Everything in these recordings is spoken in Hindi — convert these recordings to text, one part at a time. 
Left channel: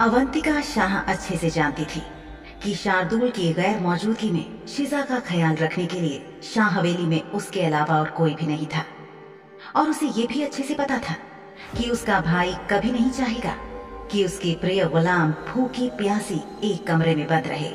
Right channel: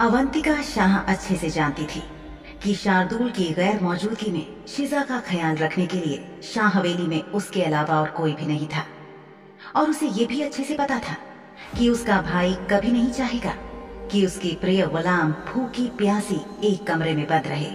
अवंतिका शाह अच्छे से जानती थी कि शार्दुल की गैर मौजूदगी में शिजा का ख्याल रखने के लिए शाह हवेली में उसके अलावा और कोई भी नहीं था। और उसे ये भी अच्छे से पता था कि उसका भाई कभी नहीं चाहेगा कि उसकी प्रिय गुलाम भूखी प्यासी एक कमरे में बंद रहे।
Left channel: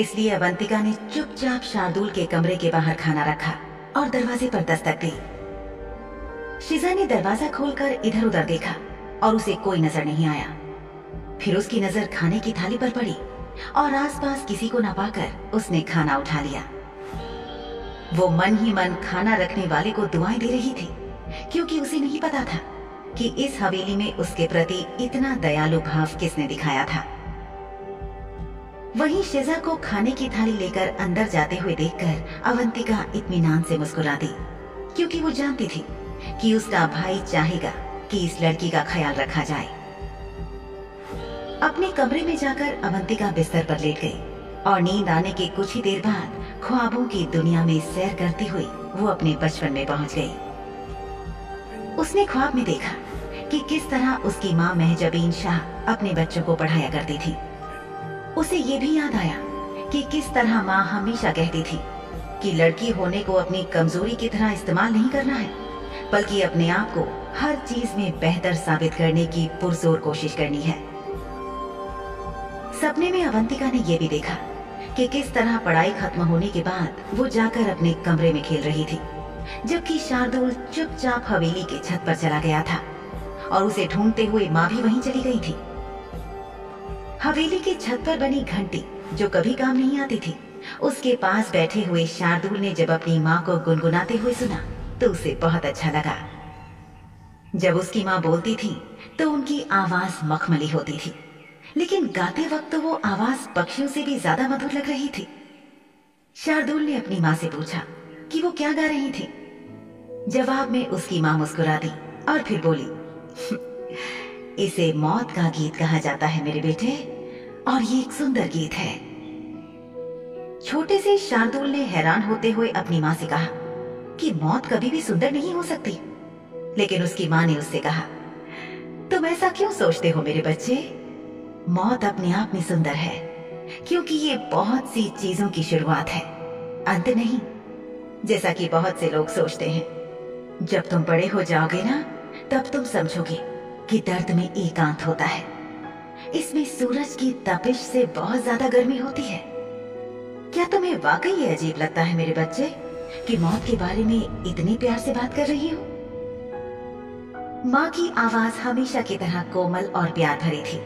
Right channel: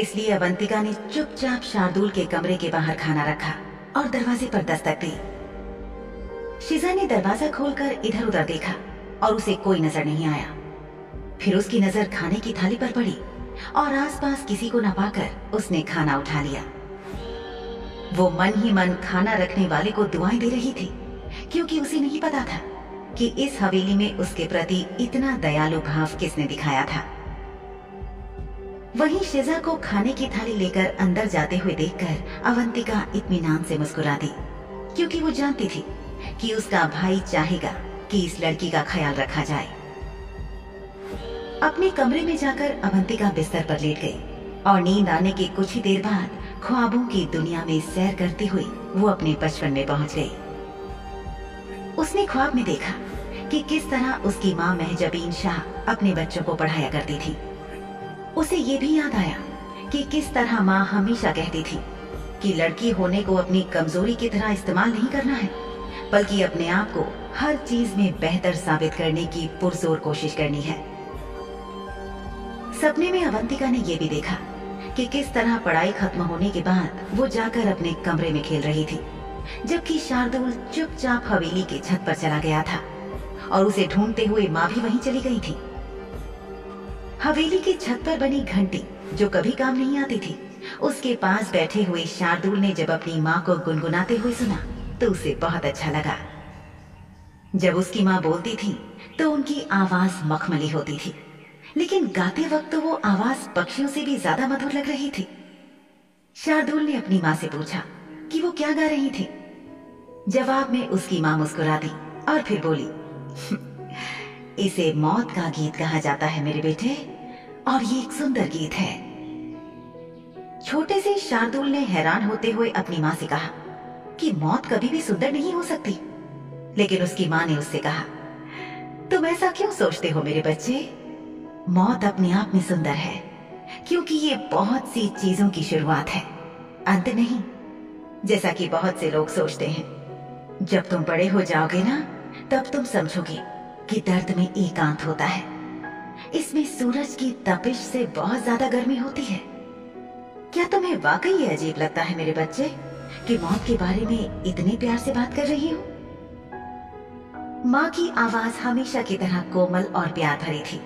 इसलिए अवंतिका ने चुपचाप शार्दुल के कमरे के बाहर खाना रखा और दरवाजे पर दस्तक दी। शिजा ने दरवाजा खोलकर इधर उधर देखा और उसे कोई नजर नहीं आया। फिर उसकी नजर खाने की थाली पर पड़ी और आसपास किसी को न पाकर उसने खाना उठा लिया। वो मन ही मन खाना रखने वाले को दुआएं दे रही थी, क्योंकि उसे नहीं पता था कि इस हवेली में उसके प्रति इतना दयालु भाव किसने दिखाया था। वहीं शिजा को खाने की थाली लेकर अंदर जाते हुए देखकर अवंतिका इत्मीनान से मुस्कुरा दी, क्योंकि वो जानती थी कि उसका भाई चाहेगा कि इस लड़की का ख्याल रखा जाए। अपने कमरे में जाकर अवंतिका बिस्तर पर लेट गई और नींद आने के कुछ ही देर बाद ख्वाबों की दुनिया में सैर करती हुई वो अपने बचपन में पहुंच गई। उसने ख्वाब में देखा कि किस तरह उसकी माँ महजबीन शाह अपने बच्चों को पढ़ाया करती थी। उसे ये भी याद आया कि किस तरह माँ हमेशा कहती थी कि लड़की होने को अपनी कमजोरी की तरह इस्तेमाल नहीं करना है, बल्कि अपने आप को हर चीज में बेहतर साबित करने की पुरजोर कोशिश करनी है। सपने में अवंतिका ने यह भी देखा कि किस तरह पढ़ाई खत्म होने के बाद वो जाकर अपने कमरे में खेल रही थी, जबकि शार्दुल चुपचाप हवेली के छत पर चला गया था और उसे ढूंढते हुए माँ भी वहीं चली गई थी। हवेली की छत पर बनी घंटी जो कभी काम नहीं आती थी, उसके पास बैठे हुए शार्दुल ने जब अपनी माँ को गुनगुनाते हुए सुना तो उसे बहुत अच्छा लगा। जब उसकी माँ बोलती थी तो उनकी आवाज मखमली होती थी, लेकिन गाते वक्त तो वो आवाज पक्षियों से भी ज्यादा मधुर लग रही थी। शार्दुल ने अपनी माँ से पूछा कि वो क्या गा रही थी। जवाब में उसकी माँ मुस्कुरा दी और फिर बोली, इसे मौत का गीत कहा जाता है मेरे बेटे, और ये एक सुंदर गीत है। छोटे से शार्दुल ने हैरान होते हुए अपनी माँ से कहा कि मौत कभी भी सुंदर नहीं हो सकती। लेकिन उसकी माँ ने उससे कहा, तुम ऐसा क्यों सोचते हो मेरे बच्चे? मौत अपने आप में सुंदर है, क्योंकि ये बहुत सी चीजों की शुरुआत है, अंत नहीं, जैसा कि बहुत से लोग सोचते हैं। जब तुम बड़े हो जाओगे ना, तब तुम समझोगे कि दर्द में एकांत होता है। इसमें सूरज की तपिश से बहुत ज्यादा गर्मी होती है। क्या तुम्हें वाकई ये अजीब लगता है मेरे बच्चे कि मौत के बारे में इतने प्यार से बात कर रही हूँ? माँ की आवाज हमेशा की तरह कोमल और प्यार भरी थी।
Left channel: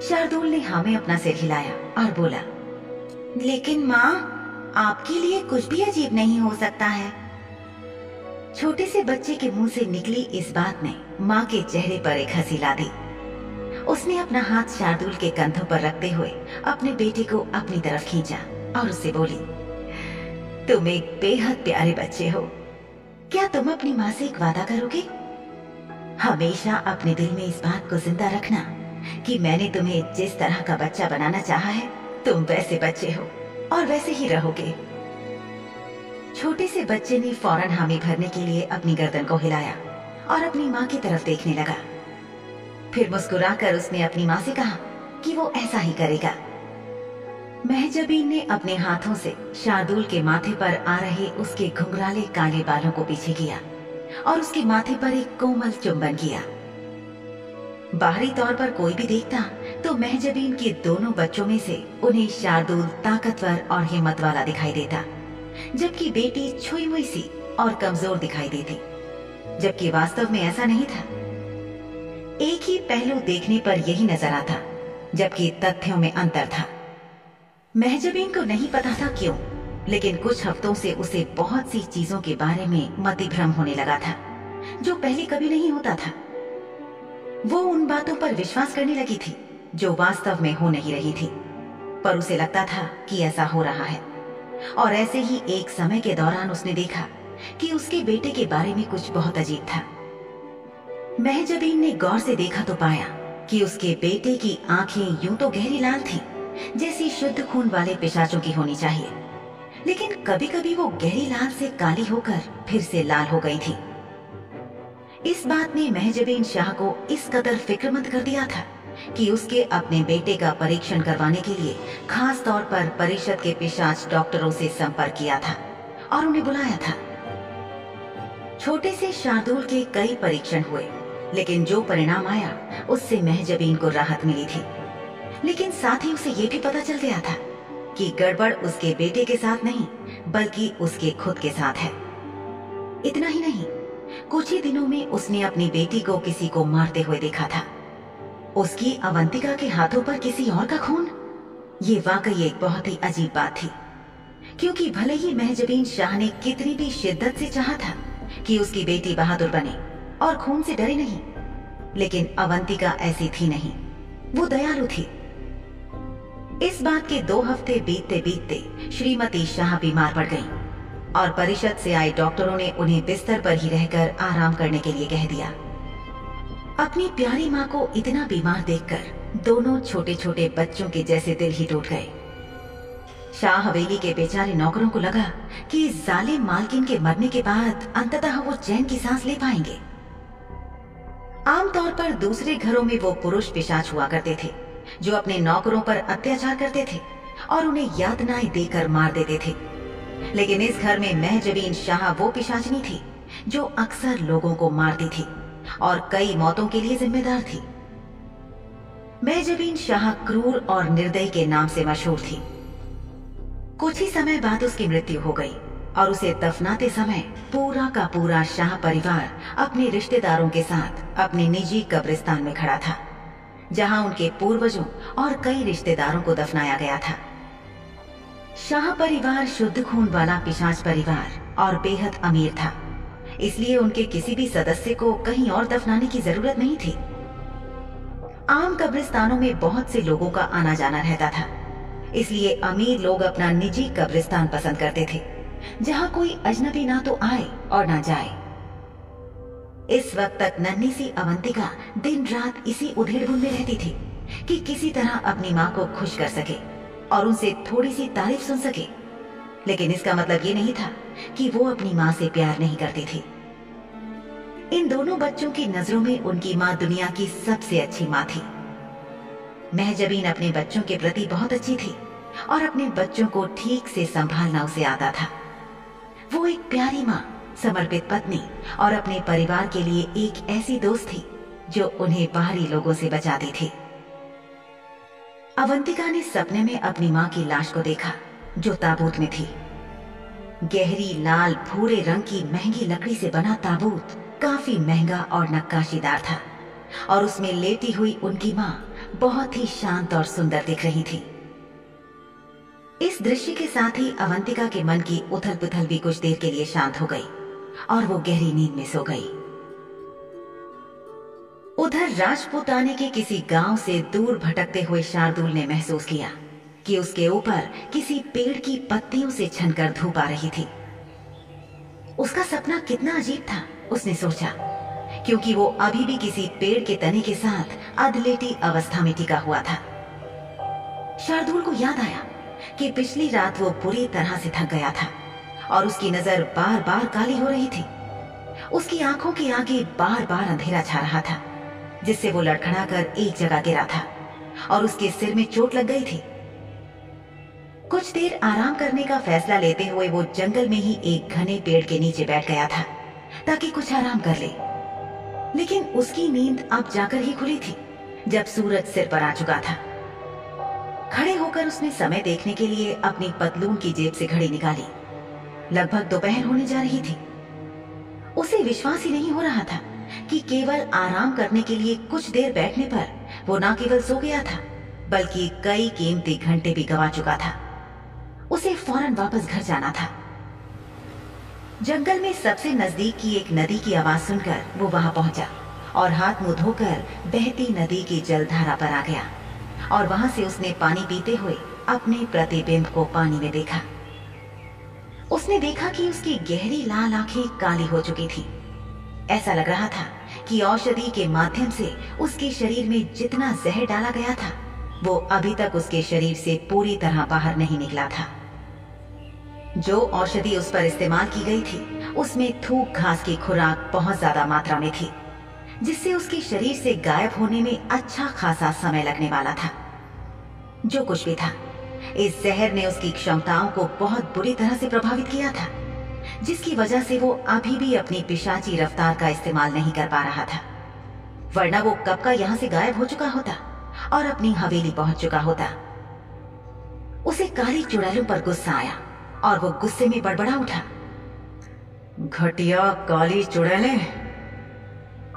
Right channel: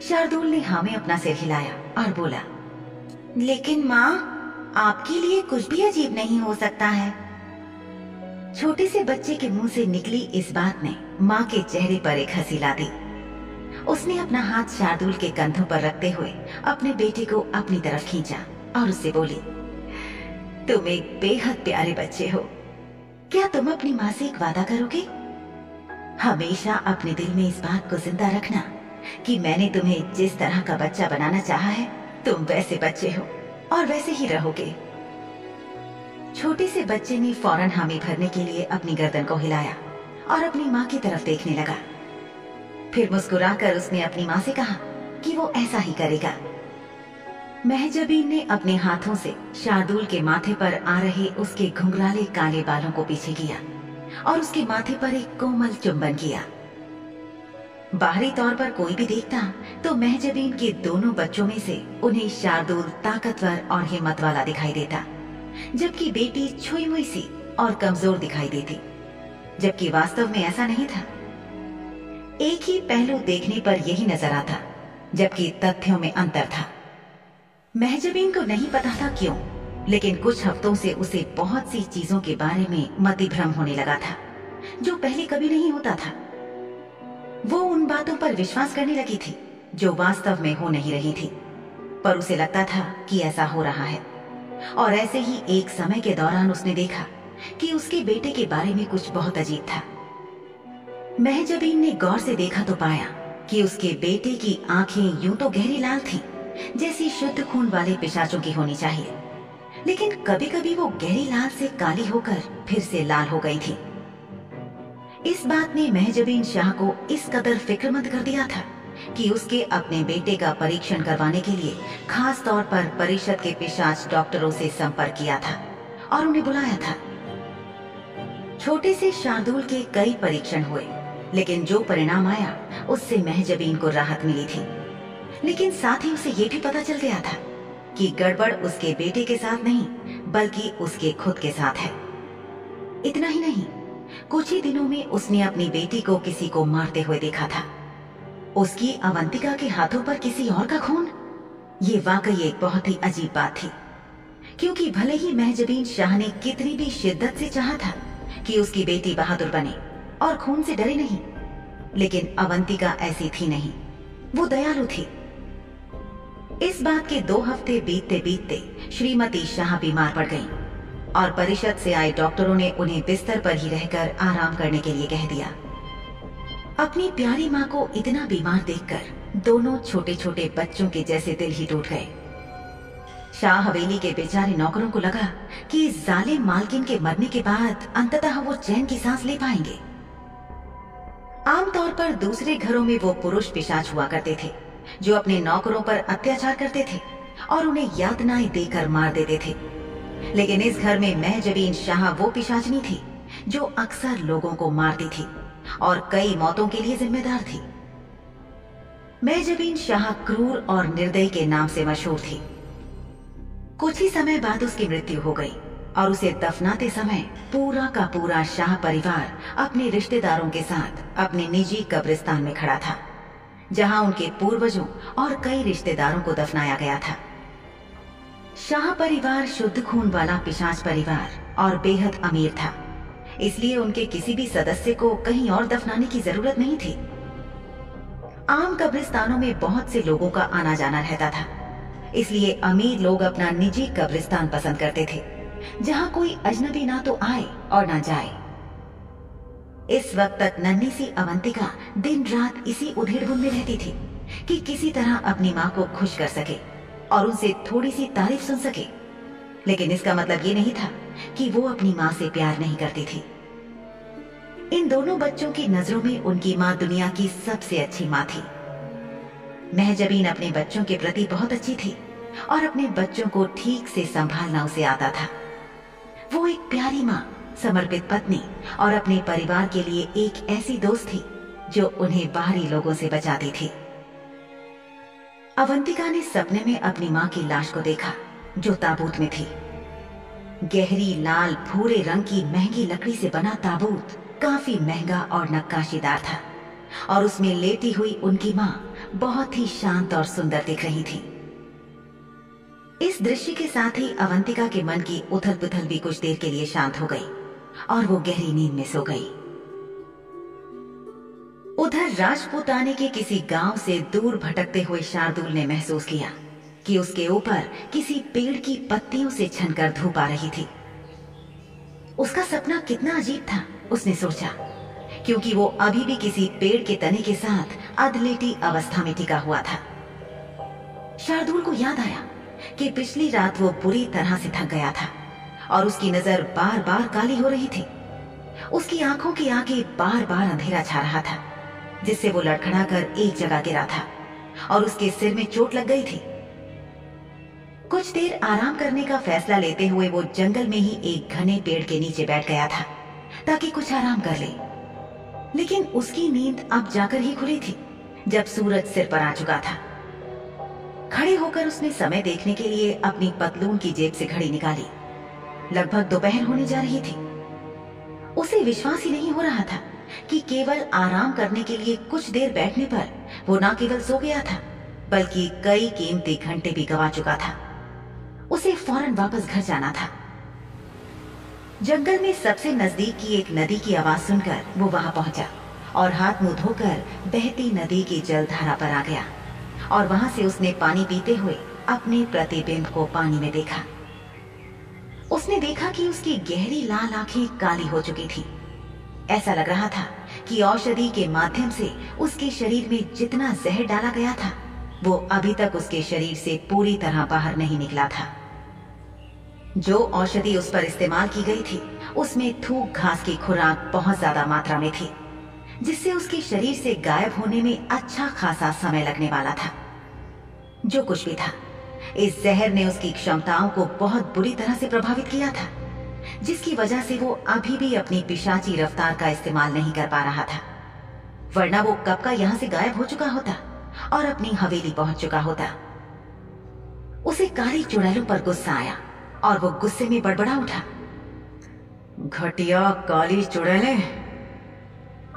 शार्दुल ने हाँ में अपना सिर हिलाया और बोला, लेकिन माँ, आपके लिए कुछ भी अजीब नहीं हो सकता है। छोटे से बच्चे के मुंह से निकली इस बात ने माँ के चेहरे पर एक हंसी ला दी। उसने अपना हाथ शार्दुल के कंधों पर रखते हुए अपने बेटे को अपनी तरफ खींचा और उससे बोली, तुम एक बेहद प्यारे बच्चे हो। क्या तुम अपनी माँ से एक वादा करोगे? हमेशा अपने दिल में इस बात को जिंदा रखना कि मैंने तुम्हें जिस तरह का बच्चा बनाना चाहा है, तुम वैसे बच्चे हो और वैसे ही रहोगे। छोटे से बच्चे ने फौरन हामी भरने के लिए अपनी गर्दन को हिलाया और अपनी माँ की तरफ देखने लगा। फिर मुस्कुराकर उसने अपनी माँ से कहा कि वो ऐसा ही करेगा। महजबीन ने अपने हाथों से शार्दुल के माथे पर आ रहे उसके घुंघराले काले बालों को पीछे किया और उसके माथे पर एक कोमल चुंबन किया। बाहरी तौर पर कोई भी देखता तो महजबीन के दोनों बच्चों में से उन्हें शार्दुल ताकतवर और हिम्मत वाला दिखाई देता, जबकि बेटी छुई मुई सी और कमजोर दिखाई देती, जबकि वास्तव में ऐसा नहीं था। एक ही पहलू देखने पर यही नजर आता, जबकि तथ्यों में अंतर था। महजबीन को नहीं पता था क्यों, लेकिन कुछ हफ्तों से उसे बहुत सी चीजों के बारे में मतिभ्रम होने लगा था, जो पहले कभी नहीं होता था। वो उन बातों पर विश्वास करने लगी थी जो वास्तव में हो नहीं रही थी, पर उसे लगता था कि ऐसा हो रहा है। और ऐसे ही एक समय के दौरान उसने देखा कि उसके बेटे के बारे में कुछ बहुत अजीब था। महजबीन ने गौर से देखा तो पाया कि उसके बेटे की आंखें यूं तो गहरी लाल थीं, जैसी शुद्ध खून वाले पिशाचों की होनी चाहिए, लेकिन कभी कभी वो गहरी लाल से काली होकर फिर से लाल हो गई थी। इस बात ने महजबीन शाह को इस कदर फिक्रमंद कर दिया था कि उसके अपने बेटे का परीक्षण करवाने के लिए खास तौर पर परिषद के पिशाच डॉक्टरों से संपर्क किया था और उन्हें बुलाया था। छोटे से शार्दुल के कई परीक्षण हुए, लेकिन जो परिणाम आया उससे महजबीन को राहत मिली थी। लेकिन साथ ही उसे यह भी पता चल गया था कि गड़बड़ उसके बेटे के साथ नहीं बल्कि उसके खुद के साथ है। इतना ही नहीं, कुछ ही दिनों में उसने अपनी बेटी को किसी को मारते हुए देखा था। उसकी अवंतिका के हाथों पर किसी और का खून। ये वाकई एक बहुत ही अजीब बात थी, क्योंकि भले ही महजबीन शाह ने कितनी भी शिद्दत से चाहा था कि उसकी बेटी बहादुर बने और खून से डरे नहीं, लेकिन अवंतिका ऐसी थी नहीं, वो दयालु थी। इस बात के 2 हफ्ते बीतते बीतते श्रीमती शाह बीमार पड़ गईं और परिषद से आए डॉक्टरों ने उन्हें बिस्तर पर ही रहकर आराम करने के लिए कह दिया। अपनी प्यारी माँ को इतना बीमार देखकर दोनों छोटे छोटे बच्चों के जैसे दिल ही टूट गए। शाह हवेली के बेचारे नौकरों को लगा कि इस जालिम मालकिन के मरने के बाद अंततः वो चैन की सांस ले पाएंगे। आमतौर पर दूसरे घरों में वो पुरुष पिशाच हुआ करते थे जो अपने नौकरों पर अत्याचार करते थे और उन्हें यातनाएं देकर मार देते थे, लेकिन इस घर में महजबीन शाह वो पिशाचनी थी जो अक्सर लोगों को मारती थी और कई मौतों के लिए जिम्मेदार थी। महजबीन शाह क्रूर और निर्दयी के नाम से मशहूर थी। कुछ ही समय बाद उसकी मृत्यु हो गई और उसे दफनाते समय पूरा का पूरा शाह परिवार अपने रिश्तेदारों के साथ अपने निजी कब्रिस्तान में खड़ा था, जहां उनके पूर्वजों और कई रिश्तेदारों को दफनाया गया था। शाह परिवार शुद्ध खून वाला पिशाच परिवार और बेहद अमीर था, इसलिए उनके किसी भी सदस्य को कहीं और दफनाने की जरूरत नहीं थी। आम कब्रिस्तानों में बहुत से लोगों का आना जाना रहता था, इसलिए अमीर लोग अपना निजी कब्रिस्तान पसंद करते थे, जहां कोई अजनबी ना तो आए और ना जाए। इस वक्त तक नन्ही सी अवंतिका दिन रात इसी उधेड़-बुन में रहती थी कि किसी तरह अपनी माँ को खुश कर सके और उनसे थोड़ी सी तारीफ सुन सके, लेकिन इसका मतलब ये नहीं था कि वो अपनी माँ से प्यार नहीं करती थी। इन दोनों बच्चों की नजरों में उनकी माँ दुनिया की सबसे अच्छी माँ थी। महजबीन अपने बच्चों के प्रति बहुत अच्छी थी और अपने बच्चों को ठीक से संभालना उसे आता था। वो एक प्यारी माँ, समर्पित पत्नी और अपने परिवार के लिए एक ऐसी दोस्त थी जो उन्हें बाहरी लोगों से बचाती थी। अवंतिका ने सपने में अपनी माँ की लाश को देखा जो ताबूत में थी। गहरी लाल भूरे रंग की महंगी लकड़ी से बना ताबूत काफी महंगा और नक्काशीदार था और उसमें लेटी हुई उनकी माँ बहुत ही शांत और सुंदर दिख रही थी। इस दृश्य के साथ ही अवंतिका के मन की उथल पुथल भी कुछ देर के लिए शांत हो गई और वो गहरी नींद में सो गई। उधर राजपूताने के किसी गांव से दूर भटकते हुए शार्दुल ने महसूस किया कि उसके ऊपर किसी पेड़ की पत्तियों से छनकर धूप आ रही थी। उसका सपना कितना अजीब था, उसने सोचा, क्योंकि वो अभी भी किसी पेड़ के तने के साथ अधलेटी अवस्था में टिका हुआ था। शार्दुल को याद आया कि पिछली रात वो बुरी तरह से थक गया था और उसकी नजर बार बार काली हो रही थी। उसकी आंखों के आगे बार बार अंधेरा छा रहा था, जिससे वो लड़खड़ाकर एक जगह गिरा था और उसके सिर में चोट लग गई थी। कुछ देर आराम करने का फैसला लेते हुए वो जंगल में ही एक घने पेड़ के नीचे बैठ गया था ताकि कुछ आराम कर ले। लेकिन उसकी नींद अब जाकर ही खुली थी जब सूरज सिर पर आ चुका था। खड़े होकर उसने समय देखने के लिए अपनी पतलून की जेब से घड़ी निकाली। लगभग दोपहर होने जा रही थी। उसे विश्वास ही नहीं हो रहा था कि केवल आराम करने के लिए कुछ देर बैठने पर वो न केवल सो गया था बल्कि कई कीमती घंटे भी गंवा चुका था। उसे फौरन वापस घर जाना था। जंगल में सबसे नजदीक की एक नदी की आवाज सुनकर वो वहां पहुंचा और हाथ मुंह धोकर बहती नदी की जलधारा पर आ गया और वहां से उसने पानी पीते हुए अपने प्रतिबिंब को पानी में देखा। उसने देखा कि उसकी गहरी लाल आंखें काली हो चुकी थी। ऐसा लग रहा था कि औषधि के माध्यम से उसके शरीर में जितना जहर डाला गया था वो अभी तक उसके शरीर से पूरी तरह बाहर नहीं निकला था। जो औषधि उस पर इस्तेमाल की गई थी उसमें थूक घास की खुराक बहुत ज्यादा मात्रा में थी, जिससे उसके शरीर से गायब होने में अच्छा खासा समय लगने वाला था। जो कुछ भी था, इस जहर ने उसकी क्षमताओं को बहुत बुरी तरह से प्रभावित किया था, जिसकी वजह से वो अभी भी अपनी पिशाची रफ्तार का इस्तेमाल नहीं कर पा रहा था। वरना वो कब का यहां से गायब हो चुका होता और अपनी हवेली पहुंच चुका होता। उसे काली चुड़ैलों पर गुस्सा आया और वो गुस्से में बड़बड़ा उठा, घटिया काली चुड़ैलें।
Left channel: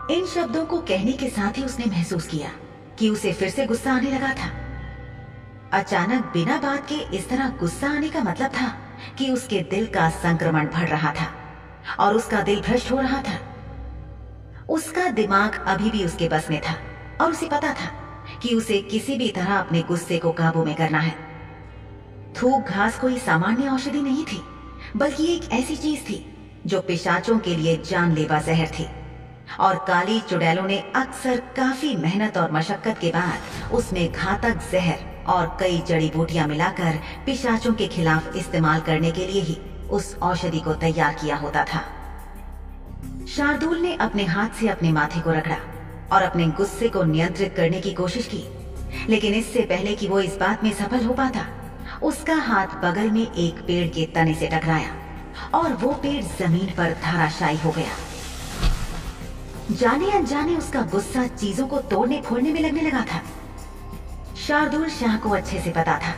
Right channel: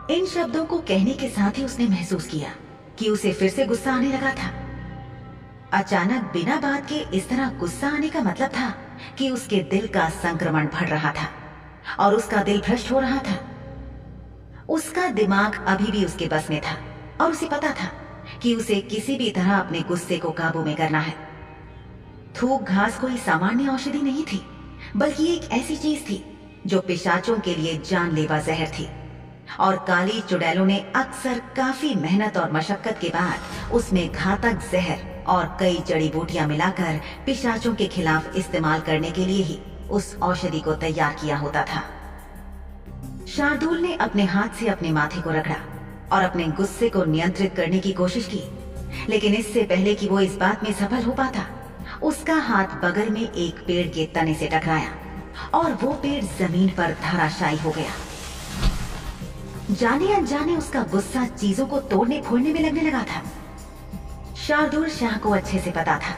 इन शब्दों को कहने के साथ ही उसने महसूस किया कि उसे फिर से गुस्सा आने लगा था। अचानक बिना बात के इस तरह गुस्सा आने का मतलब था कि उसके दिल का संक्रमण बढ़ रहा था और उसका दिल भ्रष्ट हो रहा था। उसका दिमाग अभी भी उसके बस में था और उसे पता था कि उसे किसी भी तरह अपने गुस्से को काबू में करना है। थूक घास कोई सामान्य औषधि नहीं थी, बल्कि एक ऐसी चीज थी जो पिशाचों के लिए जानलेवा जहर थी। और काली चुड़ैलों ने अक्सर काफी मेहनत और मशक्कत के बाद उसमें घातक जहर और कई जड़ी बूटियां मिलाकर पिशाचों के खिलाफ इस्तेमाल करने के लिए ही उस औषधि को तैयार किया होता था। शार्दूल ने अपने हाथ से अपने माथे को रगड़ा और अपने गुस्से को नियंत्रित करने की कोशिश की, लेकिन इससे पहले कि वो इस बात में सफल हो पाता, उसका हाथ बगल में एक पेड़ के तने से टकराया और वो पेड़ जमीन पर धराशायी हो गया। जाने अनजाने उसका गुस्सा चीजों को तोड़ने फोड़ने में लगने लगा था। शार्दूल शाह को अच्छे से पता था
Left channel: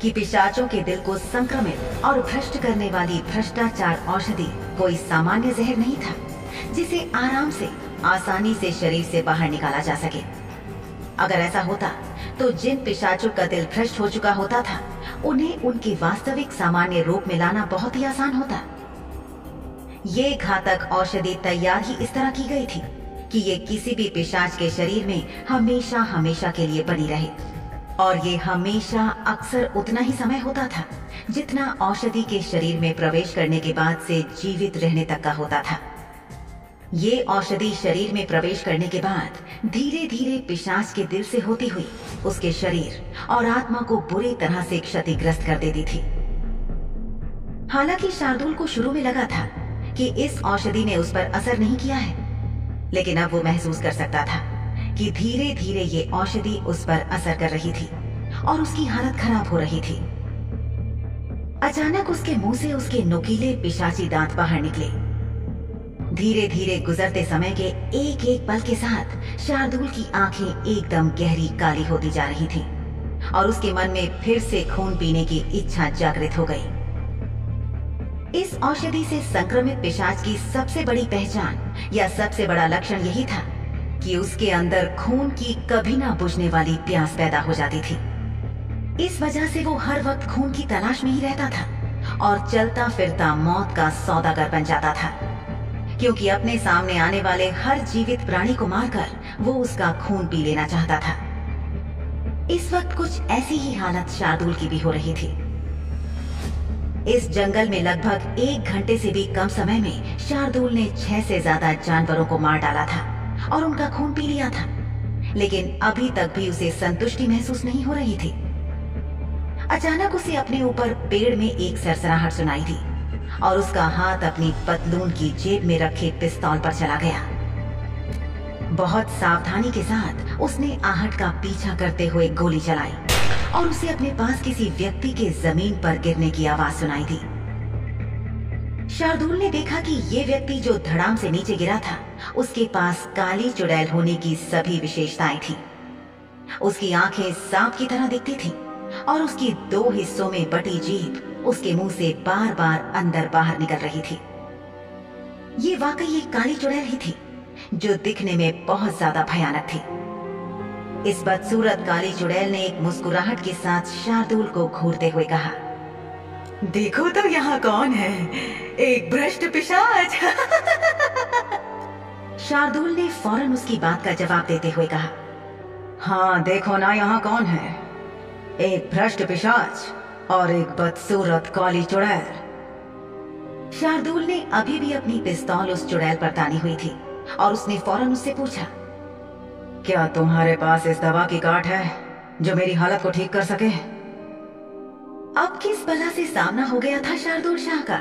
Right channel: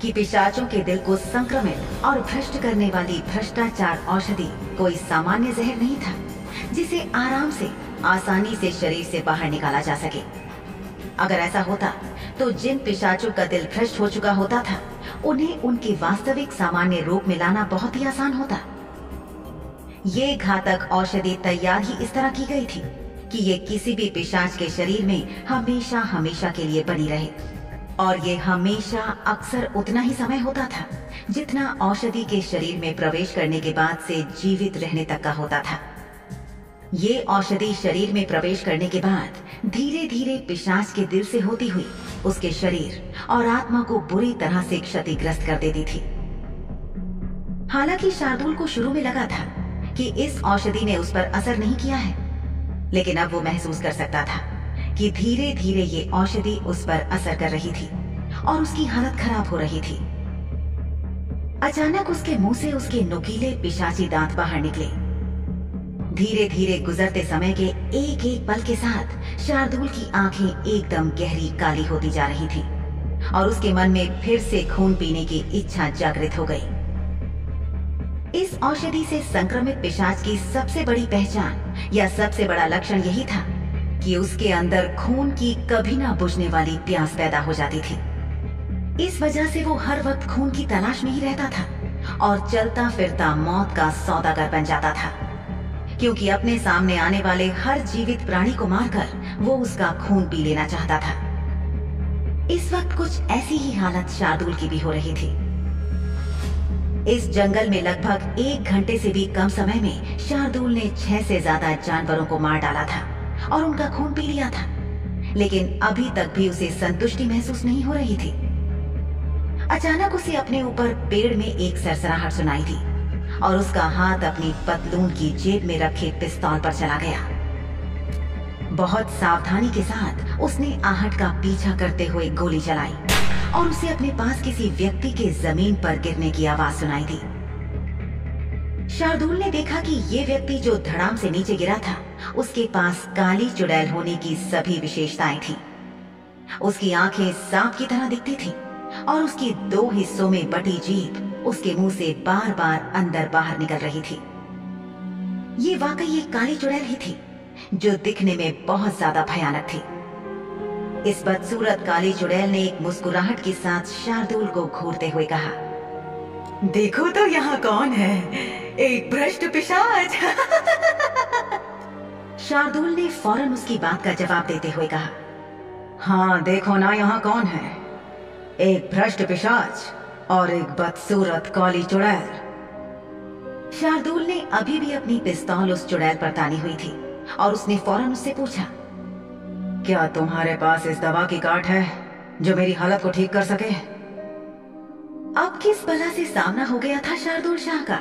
कि पिशाचों के दिल को संक्रमित और भ्रष्ट करने वाली भ्रष्टाचार औषधि कोई सामान्य जहर नहीं था जिसे आराम से आसानी से शरीर से बाहर निकाला जा सके। अगर ऐसा होता तो जिन पिशाचों का दिल भ्रष्ट हो चुका होता था, उन्हें उनके वास्तविक सामान्य रूप में लाना बहुत ही आसान होता। ये घातक औषधि तैयार ही इस तरह की गई थी कि ये किसी भी पिशाच के शरीर में हमेशा हमेशा के लिए बनी रहे, और ये हमेशा अक्सर उतना ही समय होता था जितना औषधि के शरीर में प्रवेश करने के बाद से जीवित रहने तक का होता था। ये औषधि शरीर में प्रवेश करने के बाद धीरे धीरे पिशाच के दिल से होती हुई उसके शरीर और आत्मा को बुरी तरह से क्षतिग्रस्त कर देती थी। हालांकि शार्दूल को शुरू में लगा था कि इस औषधि ने उस पर असर नहीं किया है, लेकिन अब वो महसूस कर सकता था कि धीरे धीरे ये औषधि उस पर असर कर रही थी और उसकी हालत खराब हो रही थी। अचानक उसके मुंह से उसके नुकीले पिशाची दांत बाहर निकले। धीरे धीरे गुजरते समय के एक एक पल के साथ शार्दूल की आंखें एकदम गहरी काली होती जा रही थीं और उसके मन में फिर से खून पीने की इच्छा जागृत हो गई। इस औषधि से संक्रमित पिशाच की सबसे बड़ी पहचान या सबसे बड़ा लक्षण यही था कि उसके अंदर खून की कभी ना बुझने वाली प्यास पैदा हो जाती थी। इस वजह से वो हर वक्त खून की तलाश में ही रहता था और चलता फिरता मौत का सौदागर बन जाता था, क्योंकि अपने सामने आने वाले हर जीवित प्राणी को मारकर वो उसका खून पी लेना चाहता था। इस वक्त कुछ ऐसी ही हालत शार्दूल की भी हो रही थी। इस जंगल में लगभग 1 घंटे से भी कम समय में शार्दूल ने 6 से ज्यादा जानवरों को मार डाला था और उनका खून पी लिया था, लेकिन अभी तक भी उसे संतुष्टि महसूस नहीं हो रही थी। अचानक उसे अपने ऊपर पेड़ में एक सरसराहट सुनाई दी और उसका हाथ अपनी पतलून की जेब में रखे पिस्तौल पर चला गया। बहुत सावधानी के साथ उसने आहट का पीछा करते हुए गोली चलाई और उसे अपने पास किसी व्यक्ति के जमीन पर गिरने की आवाज सुनाई दी। शार्दूल ने देखा कि ये व्यक्ति जो धड़ाम से नीचे गिरा था, उसके पास काली चुड़ैल होने की सभी विशेषताएं थी। उसकी आंखें सांप की तरह दिखती थी और उसकी 2 हिस्सों में बटी जीभ उसके मुंह से बार बार अंदर बाहर निकल रही थी। ये वाकई एक काली चुड़ैल ही थी जो दिखने में बहुत ज्यादा भयानक थी। इस बदसूरत काली चुड़ैल ने एक मुस्कुराहट के साथ शार्दूल को घूरते हुए कहा, देखो तो यहाँ कौन है, एक भ्रष्ट पिशाच। शार्दूल ने फौरन उसकी बात का जवाब देते हुए कहा, हाँ देखो ना यहाँ कौन है, एक भ्रष्ट पिशाच और एक बदसूरत काली चुड़ैल। शार्दूल ने अभी भी अपनी पिस्तौल उस चुड़ैल पर तानी हुई थी और उसने फौरन उससे पूछा, क्या तुम्हारे पास इस दवा की काट है जो मेरी हालत को ठीक कर सके? अब किस बला से सामना हो गया था शार्दूल शाह का